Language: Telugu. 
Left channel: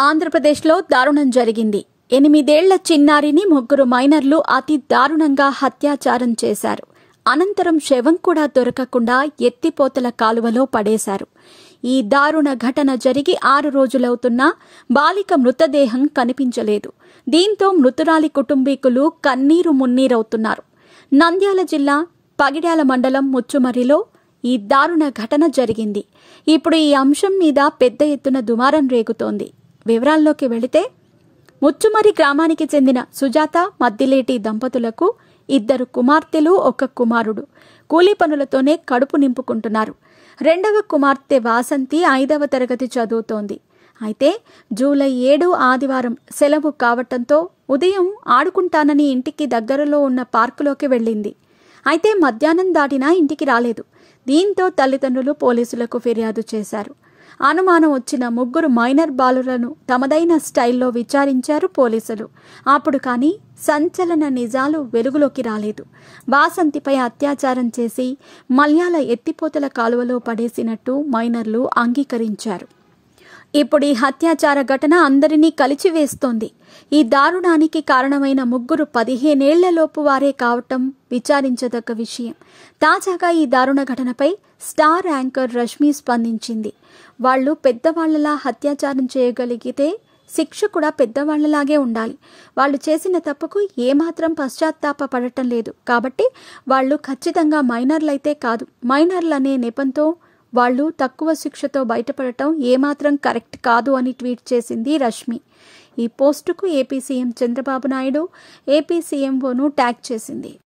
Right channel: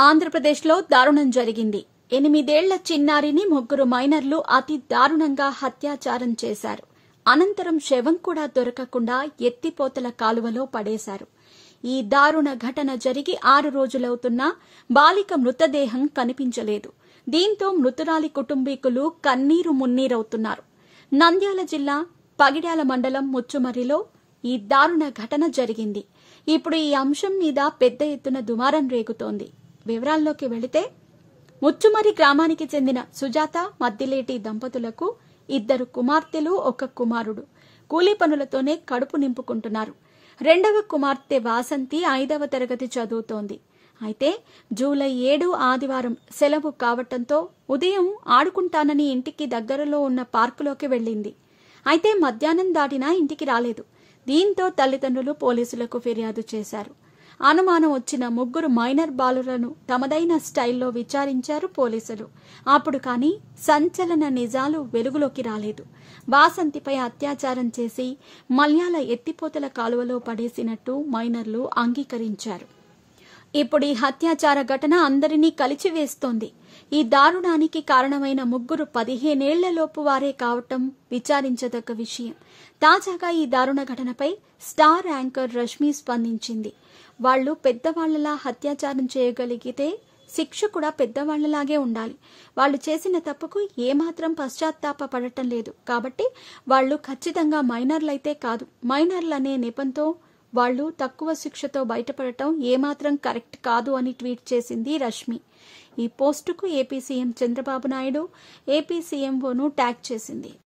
ఆంధ్రప్రదేశ్లో దారుణం జరిగింది. 8 ఏళ్ల చిన్నారిని ముగ్గురు మైనర్లు అతి దారుణంగా హత్యాచారం చేశారు. అనంతరం శవం కూడా దొరకకుండా ఎత్తిపోతల కాలువలో పడేశారు. ఈ దారుణ ఘటన జరిగి 6 రోజులవుతున్నా బాలిక మృతదేహం కనిపించలేదు. దీంతో మృతురాలి కుటుంబీకులు కన్నీరు మున్నీరవుతున్నారు. నంద్యాల జిల్లా పగిడ్యాల మండలం ముచ్చుమర్రిలో ఈ దారుణ ఘటన జరిగింది. ఇప్పుడు ఈ అంశం మీద పెద్ద ఎత్తున దుమారం రేగుతోంది. వివరాల్లోకి వెళితే, ముచ్చుమర్రి గ్రామానికి చెందిన సుజాత మద్దిలేటి దంపతులకు 2 కుమార్తెలు 1 కుమారుడు. కూలీ పనులతోనే కడుపు నింపుకుంటున్నారు. 2వ కుమార్తె వాసంతి 5వ తరగతి చదువుతోంది. అయితే జూలై 7 ఆదివారం సెలవు కావటంతో ఉదయం ఆడుకుంటానని ఇంటికి దగ్గరలో ఉన్న పార్కులోకి వెళ్లింది. అయితే మధ్యాహ్నం దాటినా ఇంటికి రాలేదు. దీంతో తల్లిదండ్రులు పోలీసులకు ఫిర్యాదు చేశారు. అనుమానం వచ్చిన 3 మైనర్ బాలులను తమదైన స్టైల్లో విచారించారు పోలీసులు. అప్పుడు కానీ సంచలన నిజాలు వెలుగులోకి రాలేదు. వాసంతిపై అత్యాచారం చేసి మల్యాల ఎత్తిపోతల కాలువలో పడేసినట్టు మైనర్లు అంగీకరించారు. ఇప్పుడు ఈ హత్యాచార ఘటన అందరినీ కలిచివేస్తోంది. ఈ దారుణానికి కారణమైన 3 15 ఏళ్లలోపు వారే కావటం విచారించదగ్గ విషయం. తాజాగా ఈ దారుణ ఘటనపై స్టార్ యాంకర్ రష్మి స్పందించింది. వాళ్లు పెద్దవాళ్లలా అత్యాచారం చేయగలిగితే శిక్ష కూడా పెద్దవాళ్లలాగే ఉండాలి. వాళ్లు చేసిన తప్పుకు ఏమాత్రం పశ్చాత్తాప పడటం లేదు. కాబట్టి వాళ్లు ఖచ్చితంగా మైనర్లైతే కాదు, మైనర్లనే నెపంతో వాళ్లు తక్కువ శిక్షతో బయటపడటం ఏమాత్రం కరెక్ట్ కాదు అని ట్వీట్ చేసింది రష్మి. ఈ పోస్టుకు AP CM Chandrababu Naidu, AP సీఎంఓను ట్యాగ్ చేసింది.